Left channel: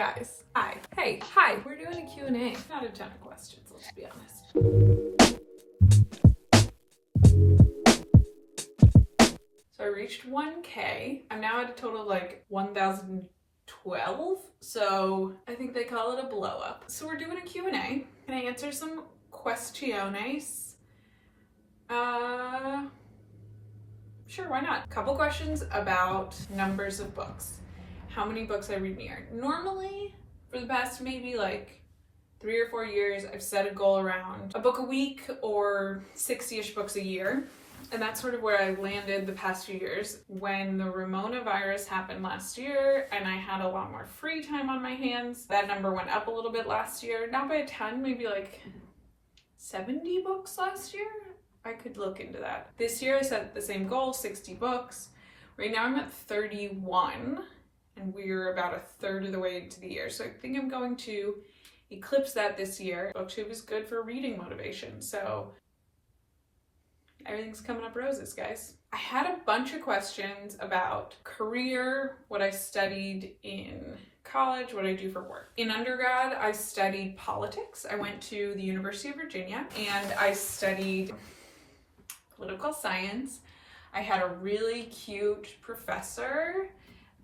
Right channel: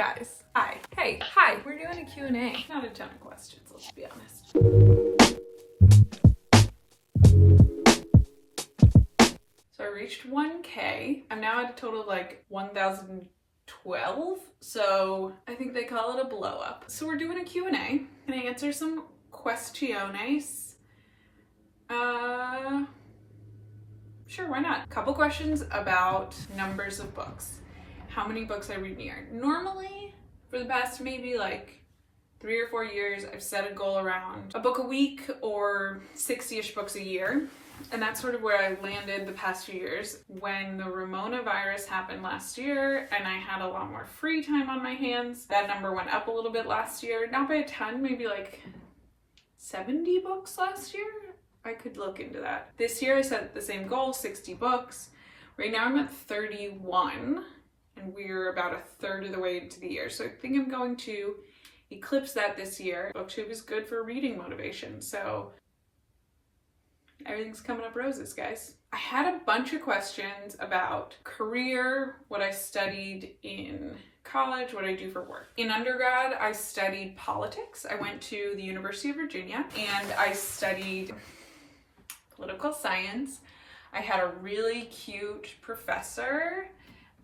guys. Hi. Hey, hi. We're doing a Q&A. Not a ton of questions, let's be honest. So I reached 1K. I'm now at a total of like 1,012. So I think they call it a blow up. So we're doing a Q&A. Can I answer some questiones? Sure, why not? Couple questions about numbers of books. How many books I read in a year. Normally, for the past maybe like 3 or 4 years, I've set a goal around a book a week or 60-ish books a year. And that's sort of where I landed the past few years. When the Ramona virus happened last year and I had a lot more free time on my hands, that number went up a little bit last year. Not by a ton, maybe like 70 books last year. I could look into that. This year I set the same goal, 60 books. Right now I'm at 31 and we're about a third of the way into the year. So I think I'm going to eclipse that this year. BookTube is good for reading motivation. So everything's coming up roses, guys. I had a bunch of questions about career, what I studied in college, what I do for work. In undergrad, I studied politics. I went to the University of Virginia and I studied political science. I had a really cute professor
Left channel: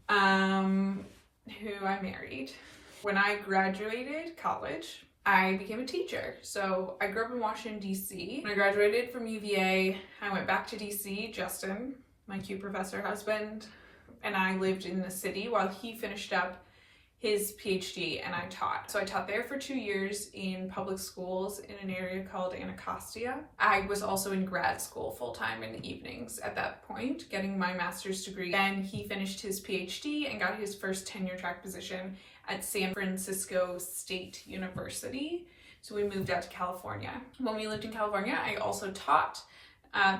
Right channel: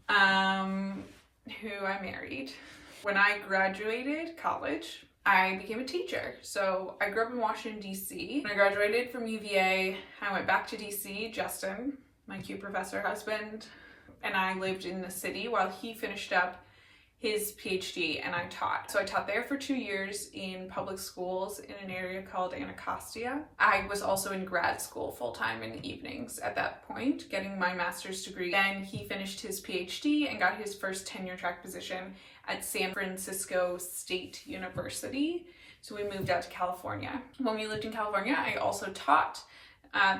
who I married. When I graduated college, I became a teacher. So I grew up in Washington, D.C. When I graduated from UVA, I went back to D.C. Justin, my cute professor husband, and I lived in the city while he finished up his PhD and I taught. So I taught there for 2 years in public schools in an area called Anacostia. I was also in grad school full-time in the evenings at that point, getting my master's degree. Then he finished his PhD and got his first tenure track position at San Francisco State University. So we moved out to California. When we lived in California, I also taught.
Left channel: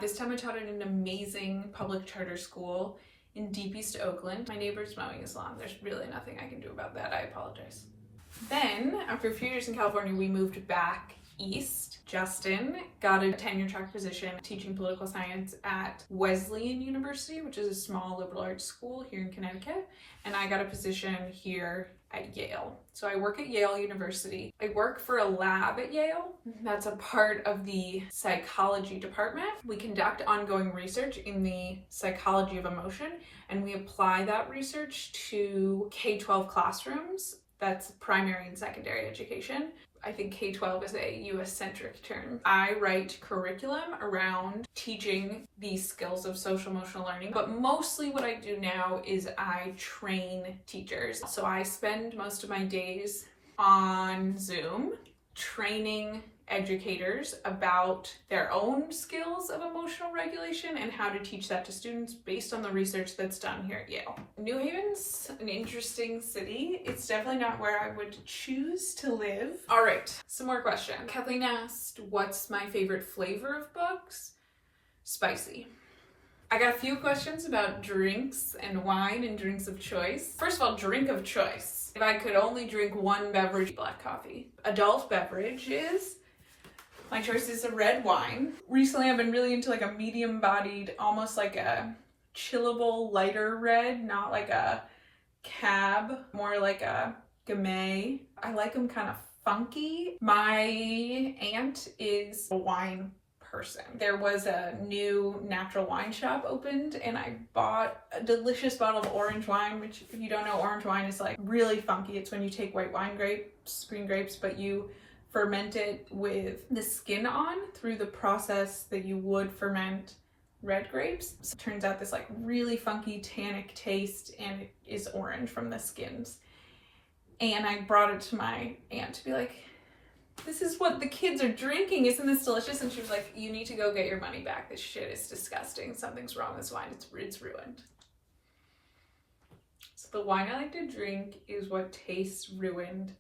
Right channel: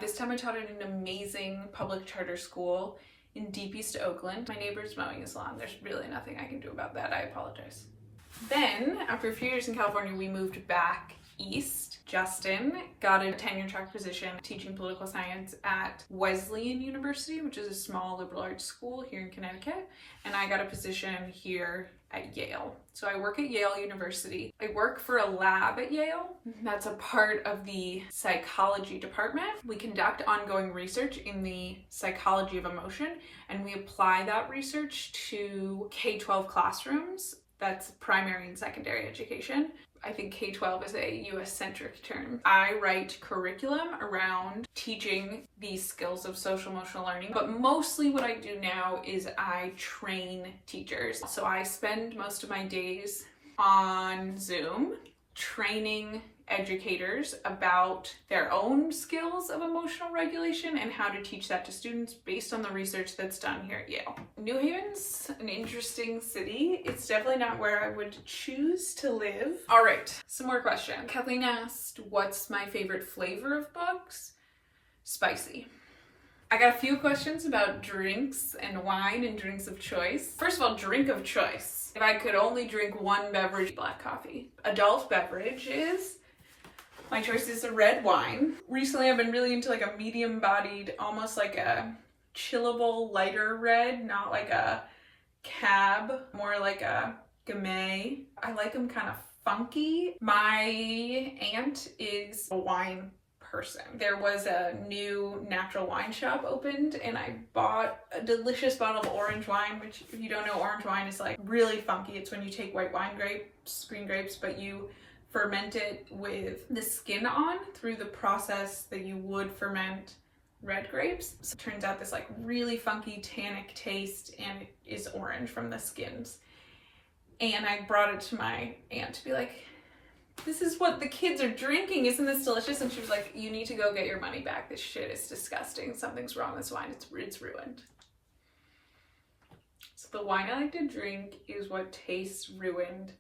This time I taught at an amazing public charter school in deep East Oakland. My neighbor's mowing his lawn. There's really nothing I can do about that. I apologize. Then, after a few years in California, we moved back east. Justin got a tenure track position teaching political science at Wesleyan University, which is a small liberal arts school here in Connecticut. And I got a position here at Yale. So I work at Yale University. I work for a lab at Yale. That's a part of the psychology department. We conduct ongoing research in the psychology of emotion, and we apply that research to K-12 classrooms. That's primary and secondary education. I think K-12 is a US-centric term. I write curriculum around teaching these skills of social-emotional learning, but mostly what I do now is I train teachers. So I spend most of my days on Zoom training educators about their own skills of emotional regulation and how to teach that to students based on the research that's done here at Yale. New Haven's an interesting city. It's definitely not where I would choose to live. All right, some more questions. Kathleen asked, what's my favorite flavor of books? Spicy. I got a few questions about drinks and wine and drinks of choice. First of all, drink of choice. If I could only drink one beverage, black coffee. Adult beverages. My choice is a red wine. Recently, I've been really into like a medium-bodied, almost like a chillable, lighter red, not like a cab, more like a Gamay. I like them kind of funky. My aunt is a wine person. There was a new natural wine shop opened and I bought a delicious bottle of orange wine, which if you don't know, orange wine is like really funky. It's when you take white wine grapes, green grapes, but you ferment it with the skin on through the process that you would ferment red grapes. So it turns out this like really funky tannic taste and it is orange from the skins. And I brought it to my aunt to be like, this is what the kids are drinking. Isn't this delicious? And she was like, you need to go get your money back. This shit is disgusting. Something's wrong with this wine. It's ruined. So the wine I like to drink is what tastes ruined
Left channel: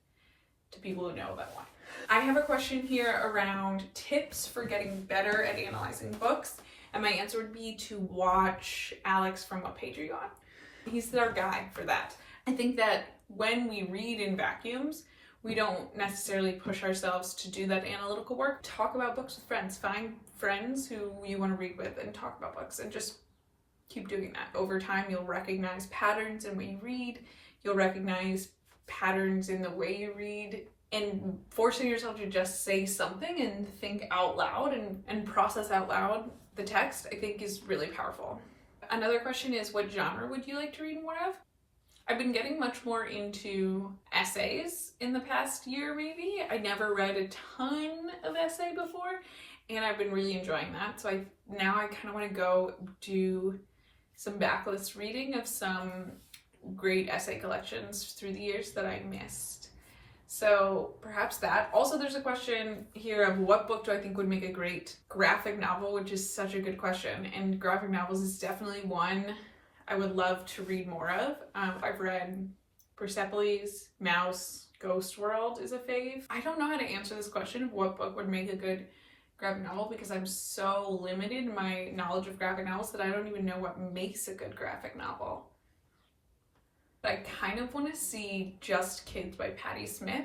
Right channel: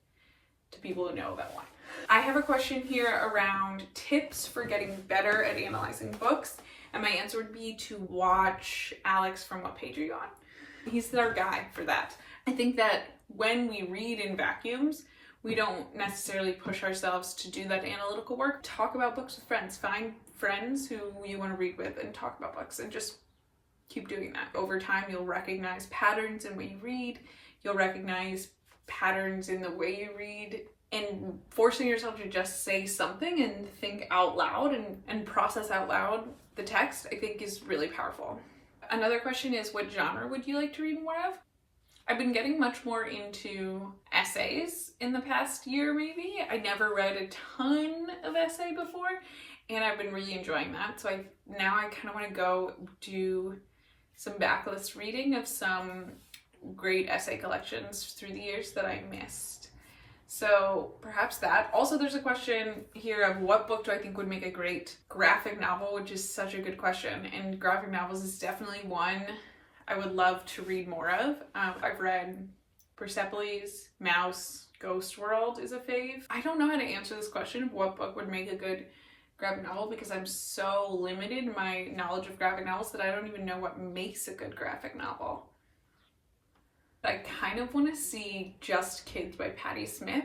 to people who know about wine. I have a question here around tips for getting better at analyzing books. And my answer would be to watch Alex from What Page Are You On? He's our guy for that. I think that when we read in vacuums, we don't necessarily push ourselves to do that analytical work. Talk about books with friends. Find friends who you want to read with and talk about books and just keep doing that. Over time, you'll recognize patterns in what you read. You'll recognize patterns in the way you read, and forcing yourself to just say something and think out loud and process out loud the text, I think is really powerful. Another question is, what genre would you like to read more of? I've been getting much more into essays in the past year, maybe. I never read a ton of essay before, and I've been really enjoying that. So now I kind of want to go do some backlist reading of some great essay collections through the years that I missed. So perhaps that. Also, there's a question here of what book do I think would make a great graphic novel, which is such a good question. And graphic novels is definitely one I would love to read more of. I've read Persepolis, Mouse, Ghost World is a fave. I don't know how to answer this question of what book would make a good graphic novel because I'm so limited in my knowledge of graphic novels that I don't even know what makes a good graphic novel. I kind of want to see Just Kids by Patti Smith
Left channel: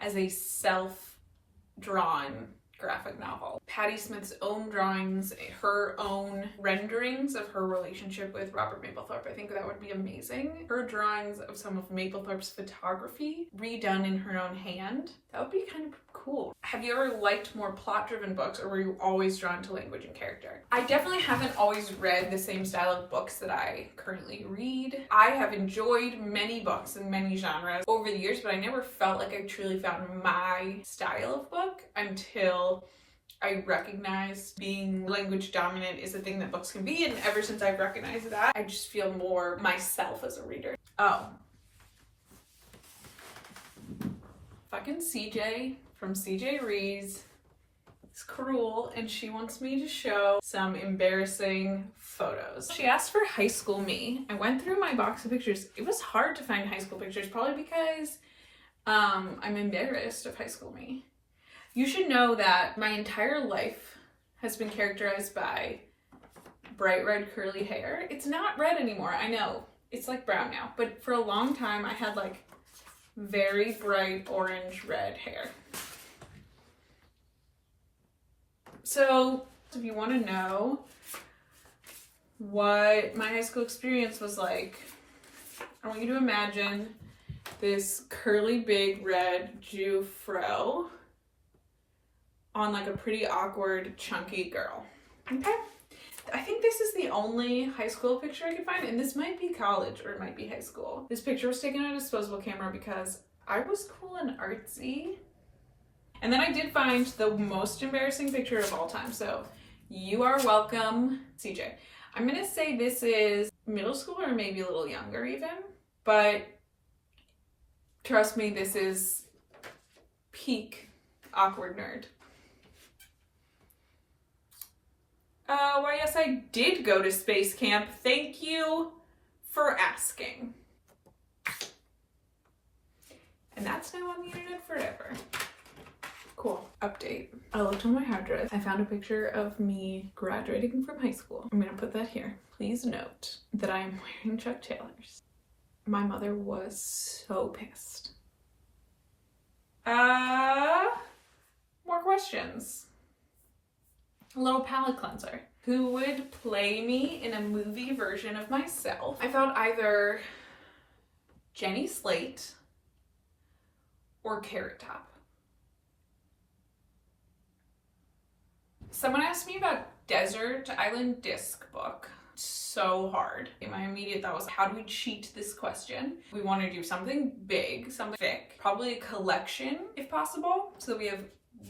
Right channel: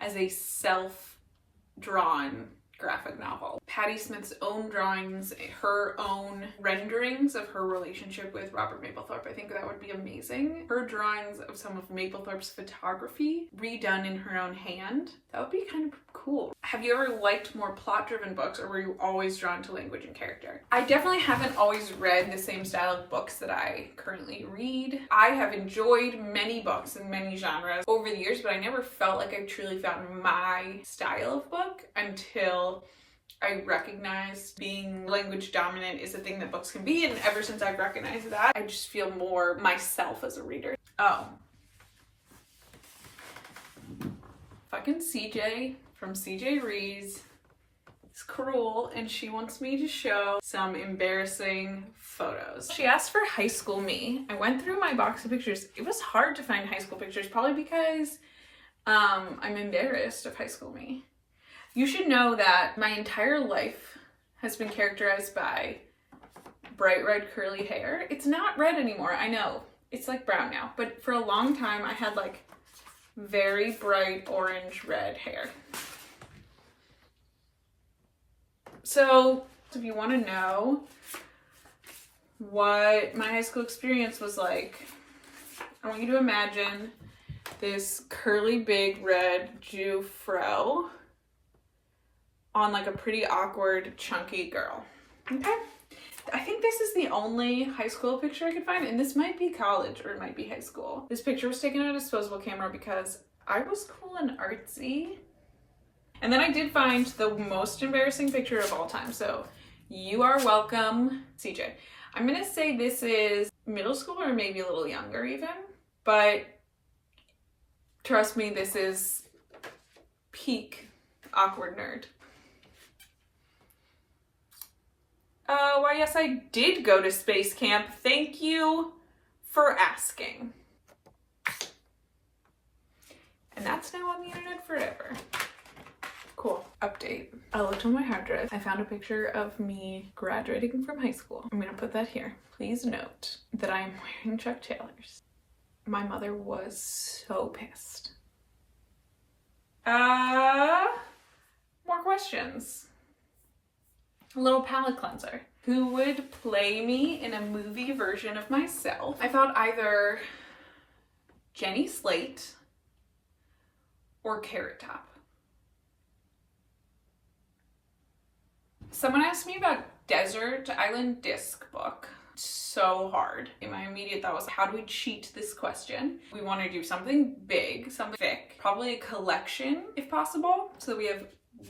as a self-drawn graphic novel. Patti Smith's own drawings, her own renderings of her relationship with Robert Mapplethorpe. I think that would be amazing. Her drawings of some of Mapplethorpe's photography redone in her own hand. That would be kind of cool. Have you ever liked more plot-driven books, or were you always drawn to language and character? I definitely haven't always read the same style of books that I currently read. I have enjoyed many books in many genres over the years, but I never felt like I truly found my style of book until I recognized being language dominant is a thing that books can be, and ever since I've recognized that, I just feel more myself as a reader. Oh. Fucking CJ from CJ Rees is cruel, and she wants me to show some embarrassing photos. She asked for high school me. I went through my box of pictures. It was hard to find high school pictures, probably because I'm embarrassed of high school me. You should know that my entire life has been characterized by bright red curly hair. It's not red anymore, I know. It's like brown now, but for a long time I had like very bright orange red hair. So if you want to know what my high school experience was like, I want you to imagine this curly big red Jew fro on like a pretty awkward chunky girl. Okay, I think this is the only high school picture I could find, and this might be college or it might be high school. This picture was taken on a disposable camera because I was cool and artsy. And then I did find the most embarrassing picture of all time, so you are welcome, CJ. I'm gonna say this is middle school or maybe a little younger even, but trust me, this is peak awkward nerd. Why yes, I did go to space camp. Thank you for asking. And that's now on the internet forever. Cool. Update. I looked on my hard drive. I found a picture of me graduating from high school. I'm gonna put that here. Please note that I am wearing Chuck Taylors. My mother was so pissed. More questions. A little palate cleanser. Who would play me in a movie version of myself? I thought either Jenny Slate or Carrot Top. Someone asked me about Desert Island Disc book. So hard. My immediate thought was, how do we cheat this question? We want to do something big, something thick, probably a collection if possible, so that we have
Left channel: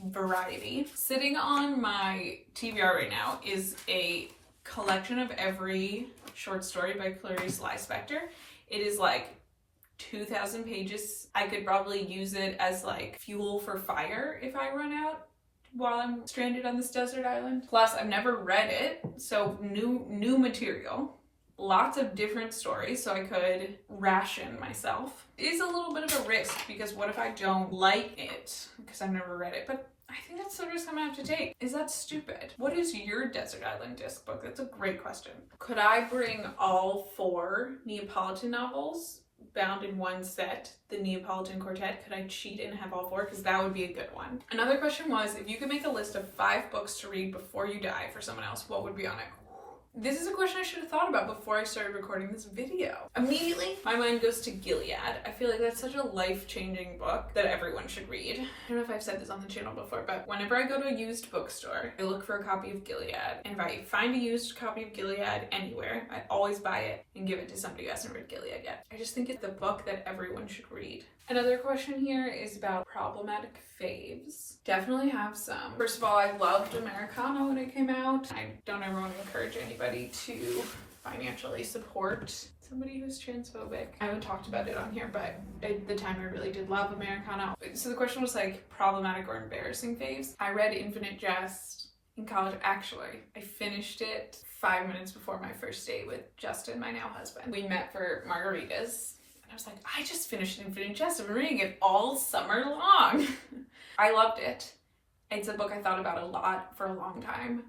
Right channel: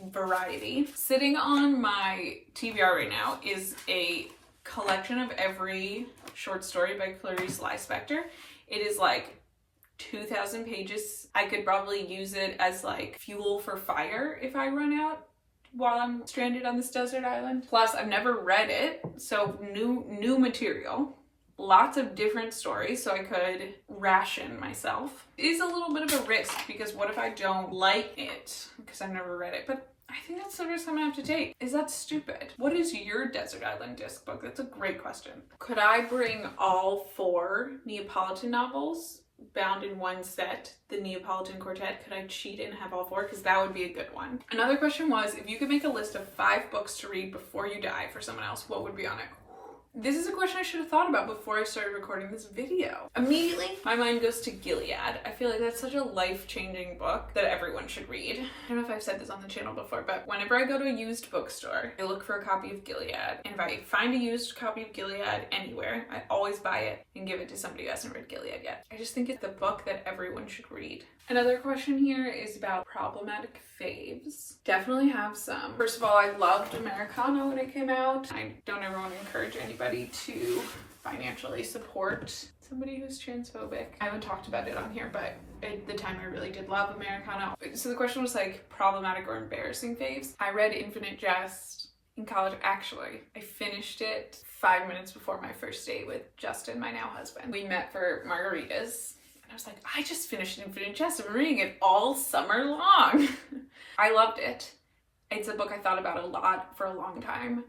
variety. Sitting on my TBR right now is a collection of every short story by Clarice Lispector. It is like 2,000 pages. I could probably use it as like fuel for fire if I run out while I'm stranded on this desert island. Plus, I've never read it, so new material. Lots of different stories, so I could ration myself. It is a little bit of a risk, because what if I don't like it? Because I've never read it, but I think that's the risk I'm gonna have to take. Is that stupid? What is your Desert Island Disc book? That's a great question. Could I bring all 4 Neapolitan novels bound in one set, the Neapolitan Quartet? Could I cheat and have all 4? Because that would be a good one. Another question was, if you could make a list of 5 books to read before you die for someone else, what would be on it? This is a question I should have thought about before I started recording this video. Immediately, my mind goes to Gilead. I feel like that's such a life-changing book that everyone should read. I don't know if I've said this on the channel before, but whenever I go to a used bookstore, I look for a copy of Gilead. And if I find a used copy of Gilead anywhere, I always buy it and give it to somebody who hasn't read Gilead yet. I just think it's the book that everyone should read. Another question here is about problematic faves. Definitely have some. First of all, I loved Americana when it came out. I don't ever want to encourage anybody to financially support somebody who's transphobic. I haven't talked about it on here, but at the time I really did love Americana. So the question was like problematic or embarrassing faves. I read Infinite Jest in college. Actually, I finished it 5 minutes before my first date with Justin, my now husband. We met for margaritas. And I was like, I just finished Infinite Jest. I've been reading it all summer long. I loved it. It's a book I thought about a lot for a long time.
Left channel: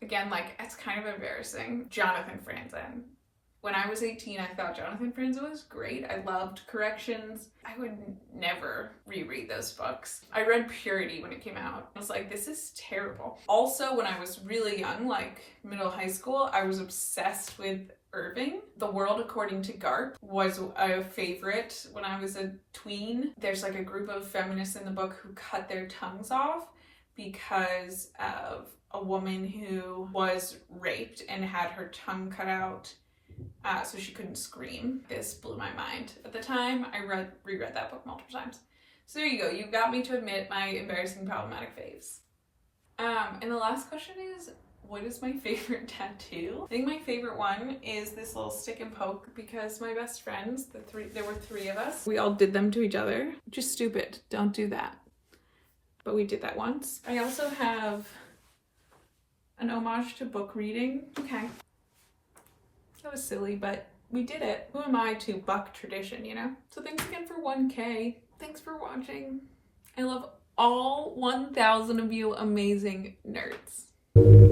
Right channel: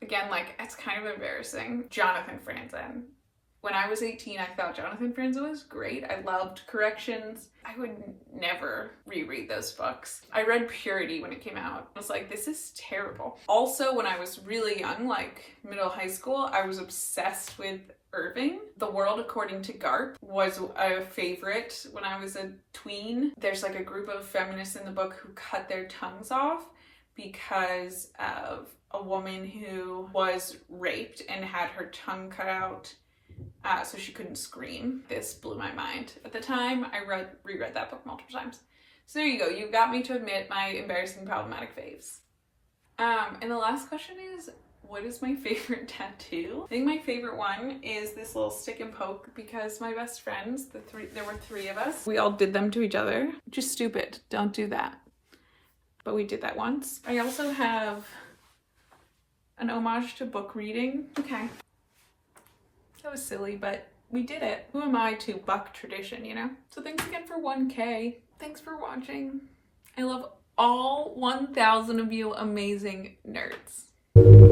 Again, like, it's kind of embarrassing. Jonathan Franzen. When I was 18, I thought Jonathan Franzen was great. I loved Corrections. I would never reread those books. I read Purity when it came out. I was like, this is terrible. Also, when I was really young, like middle high school, I was obsessed with Irving. The World According to Garp was a favorite when I was a tween. There's like a group of feminists in the book who cut their tongues off because of a woman who was raped and had her tongue cut out so she couldn't scream. This blew my mind. At the time, I reread that book multiple times. So there you go. You got me to admit my embarrassing problematic faves. And the last question is, what is my favorite tattoo? I think my favorite one is this little stick and poke because my best friends, there were 3 of us, we all did them to each other. Just stupid. Don't do that. But we did that once. I also have an homage to book reading. Okay. That was silly, but we did it. Who am I to buck tradition, you know? So thanks again for 1K. Thanks for watching. I love all 1,000 of you amazing nerds.